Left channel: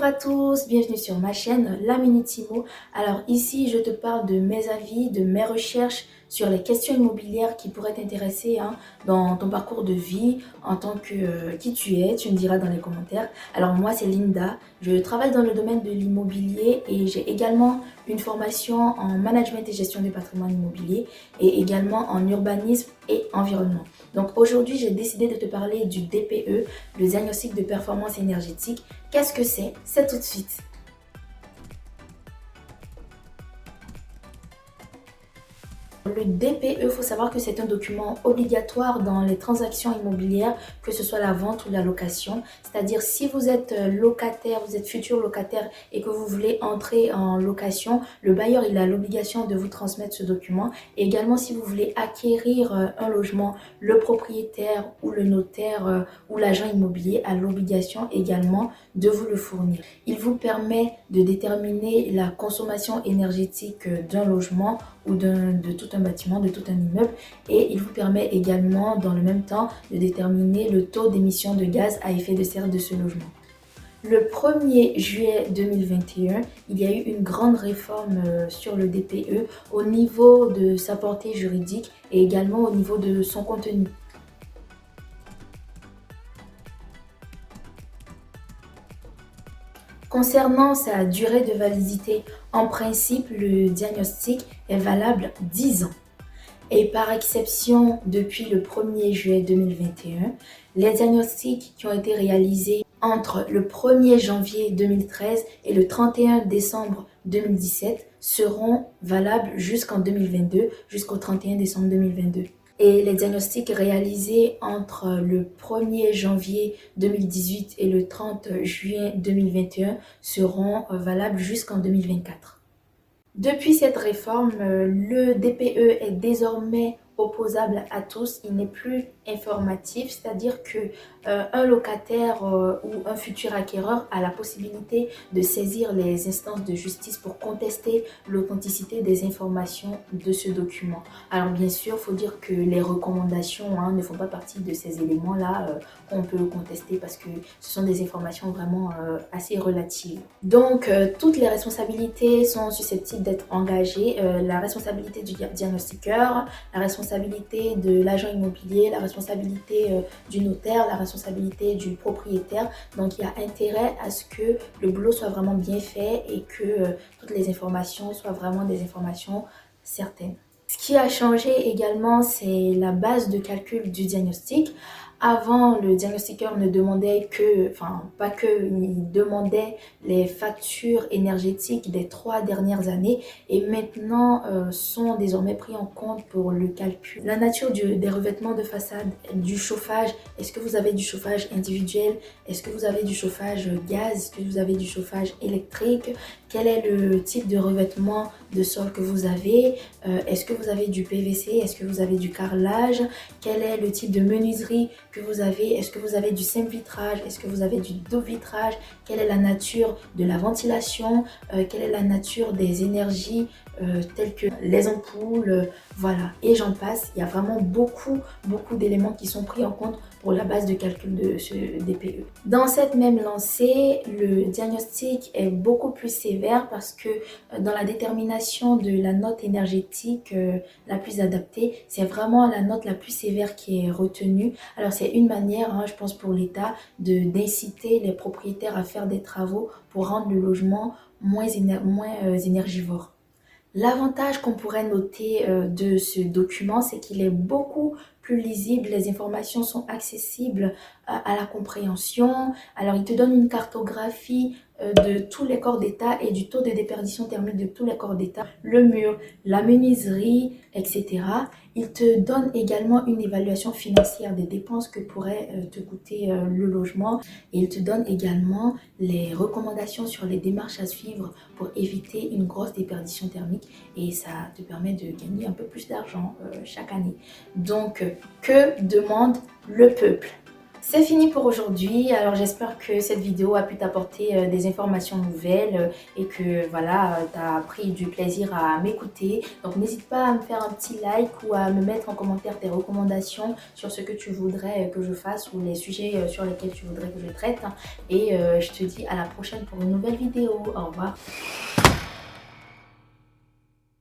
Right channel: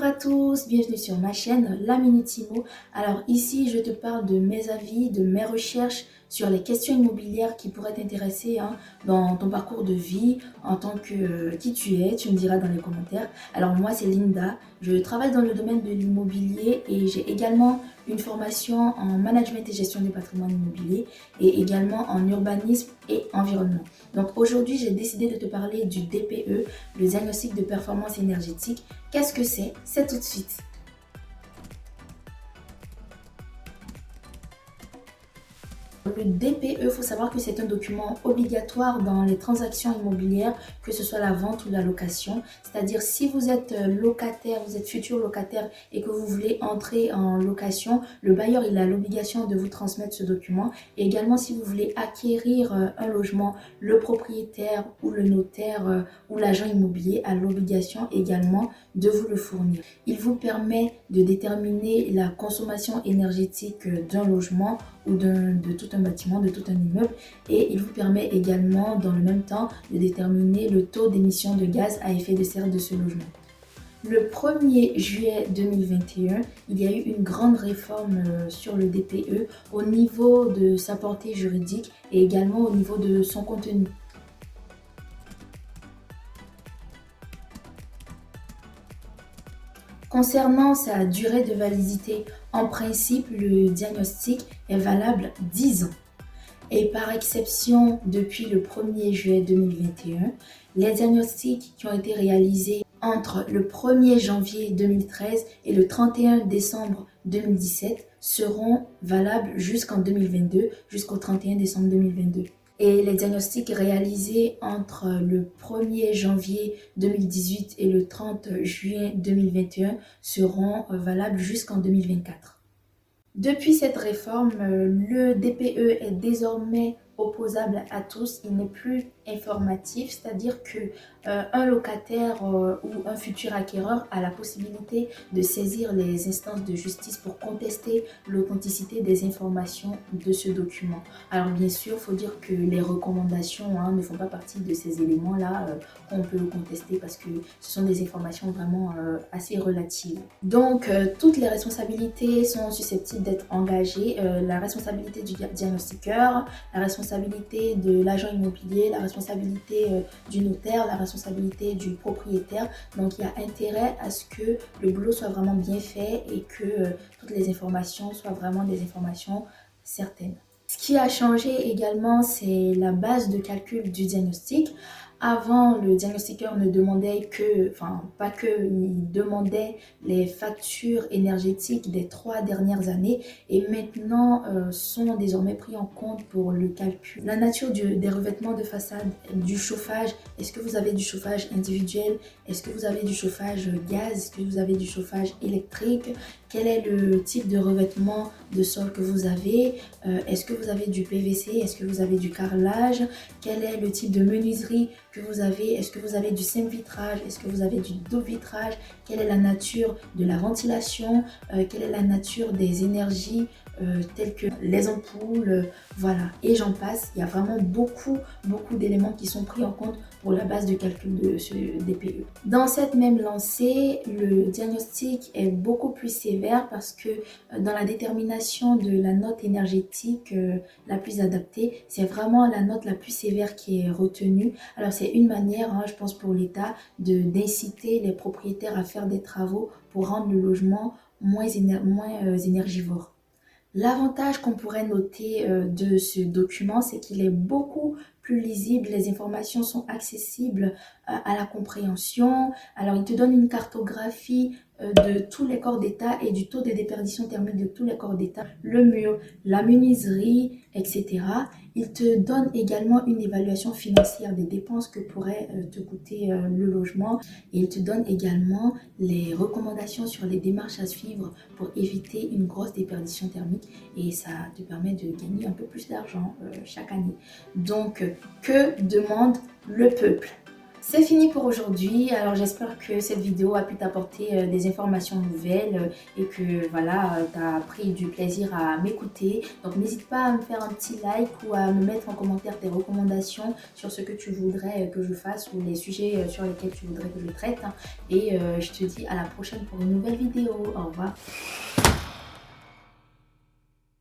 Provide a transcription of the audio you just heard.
Bonjour à tous, bienvenue sur ma chaîne La Minute Imo. Alors ici je te parle de mes avis, de mes recherches sur les questions immobilières qui pourraient t'intéresser dans ton parcours de vie en tant que qui tu me diras dans les commentaires. Alors moi c'est Linda, je travaille dans le domaine de l'immobilier et j'ai également une formation en management et gestion du patrimoine immobilier et également en urbanisme et environnement. Donc aujourd'hui j'ai décidé de te parler du DPE, le diagnostic de performance énergétique. Qu'est-ce que c'est? C'est tout de suite. Le DPE, il faut savoir que c'est un document obligatoire dans les transactions immobilières, que ce soit la vente ou la location. C'est-à-dire si vous êtes locataire, vous êtes futur locataire et que vous voulez entrer en location, le bailleur il a l'obligation de vous transmettre ce document. Et également si vous voulez acquérir un logement, le propriétaire ou le notaire ou l'agent immobilier a l'obligation également de vous le fournir. Il vous permet de déterminer la consommation énergétique d'un logement ou de tout un bâtiment, de tout un immeuble, et il vous permet également dans le même temps de déterminer le taux d'émission de gaz à effet de serre de ce logement. Le 1er juillet 2021, il y a eu une grande réforme sur le DPE au niveau de sa portée juridique et également au niveau de son contenu. Concernant sa durée de validité, en principe, le diagnostic est valable 10 ans. Et par exception, depuis le 1er juillet 2021, les diagnostics qui ont été réalisés entre le 1er janvier 2013 et le 31 décembre 2017 seront valables jusqu'en 2022, jusqu'au 31 décembre 2022. Et les diagnostics réalisés entre le 1er janvier 2018 et le 30 juillet 2021 seront valables jusqu'en 2024. Depuis cette réforme, le DPE est désormais opposable à tous. Il n'est plus informatif, c'est-à-dire que un locataire ou un futur acquéreur a la possibilité de saisir les instances de justice pour contester l'authenticité des informations de ce document. Alors bien sûr, il faut dire que les recommandations ne font pas partie de ces éléments-là qu'on peut contester parce que ce sont des informations vraiment assez relatives. Donc toutes les responsabilités sont susceptibles d'être engagées. La responsabilité du diagnostiqueur, la responsabilité de l'agent immobilier, la responsabilité du notaire, la responsabilité du propriétaire. Donc il y a intérêt à ce que le boulot soit vraiment bien fait et que toutes les informations soient vraiment des informations certaines. Ce qui a changé également, c'est la base de calcul du diagnostic. Avant, le diagnostiqueur ne demandait que, enfin pas que, il demandait les factures énergétiques des 3 dernières années et maintenant sont désormais pris en compte pour le calcul. La nature des revêtements de façade, du chauffage, est-ce que vous avez du chauffage individuel? Est-ce que vous avez du chauffage gaz? Est-ce que vous avez du chauffage électrique? Quel est le type de revêtement de sol que vous avez? Est-ce que vous avez du PVC? Est-ce que vous avez du carrelage? Quel est le type de menuiserie que vous avez? Est-ce que vous avez du simple vitrage? Est-ce que vous avez du dos vitrage? Quelle est la nature de la ventilation? Quelle est la nature des énergies telles que les ampoules? Voilà, et j'en passe. Il y a vraiment beaucoup d'éléments qui sont pris en compte pour la base de calcul de ce DPE. Dans cette même lancée, le diagnostic est beaucoup plus sévère parce que dans la détermination de la note énergétique la plus adaptée, c'est vraiment la note la plus sévère qui est retenue. Alors c'est une manière, je pense pour l'État, d'inciter les propriétaires à faire des travaux pour rendre le logement moins énergivore. L'avantage qu'on pourrait noter de ce document, c'est qu'il est beaucoup plus lisible, les informations sont accessibles à la compréhension. Alors, il te donne une cartographie de tous les corps d'État et du taux de déperdition thermique de tous les corps d'État, le mur, la menuiserie, etc. Il te donne également une évaluation financière des dépenses que pourrait te coûter le logement. Et il te donne également les recommandations sur les démarches à suivre pour éviter une grosse déperdition thermique et ça te permet de gagner un peu plus d'argent chaque année. Donc, que demande le peuple? C'est fini pour aujourd'hui. Alors j'espère que cette vidéo a pu t'apporter des informations nouvelles et que voilà, tu as pris du plaisir à m'écouter. Donc n'hésite pas à me faire un petit like ou à me mettre en commentaire tes recommandations sur ce que tu voudrais que je fasse ou les sujets sur lesquels tu voudrais que je traite. Et je te dis à la prochaine pour une nouvelle vidéo. Au revoir.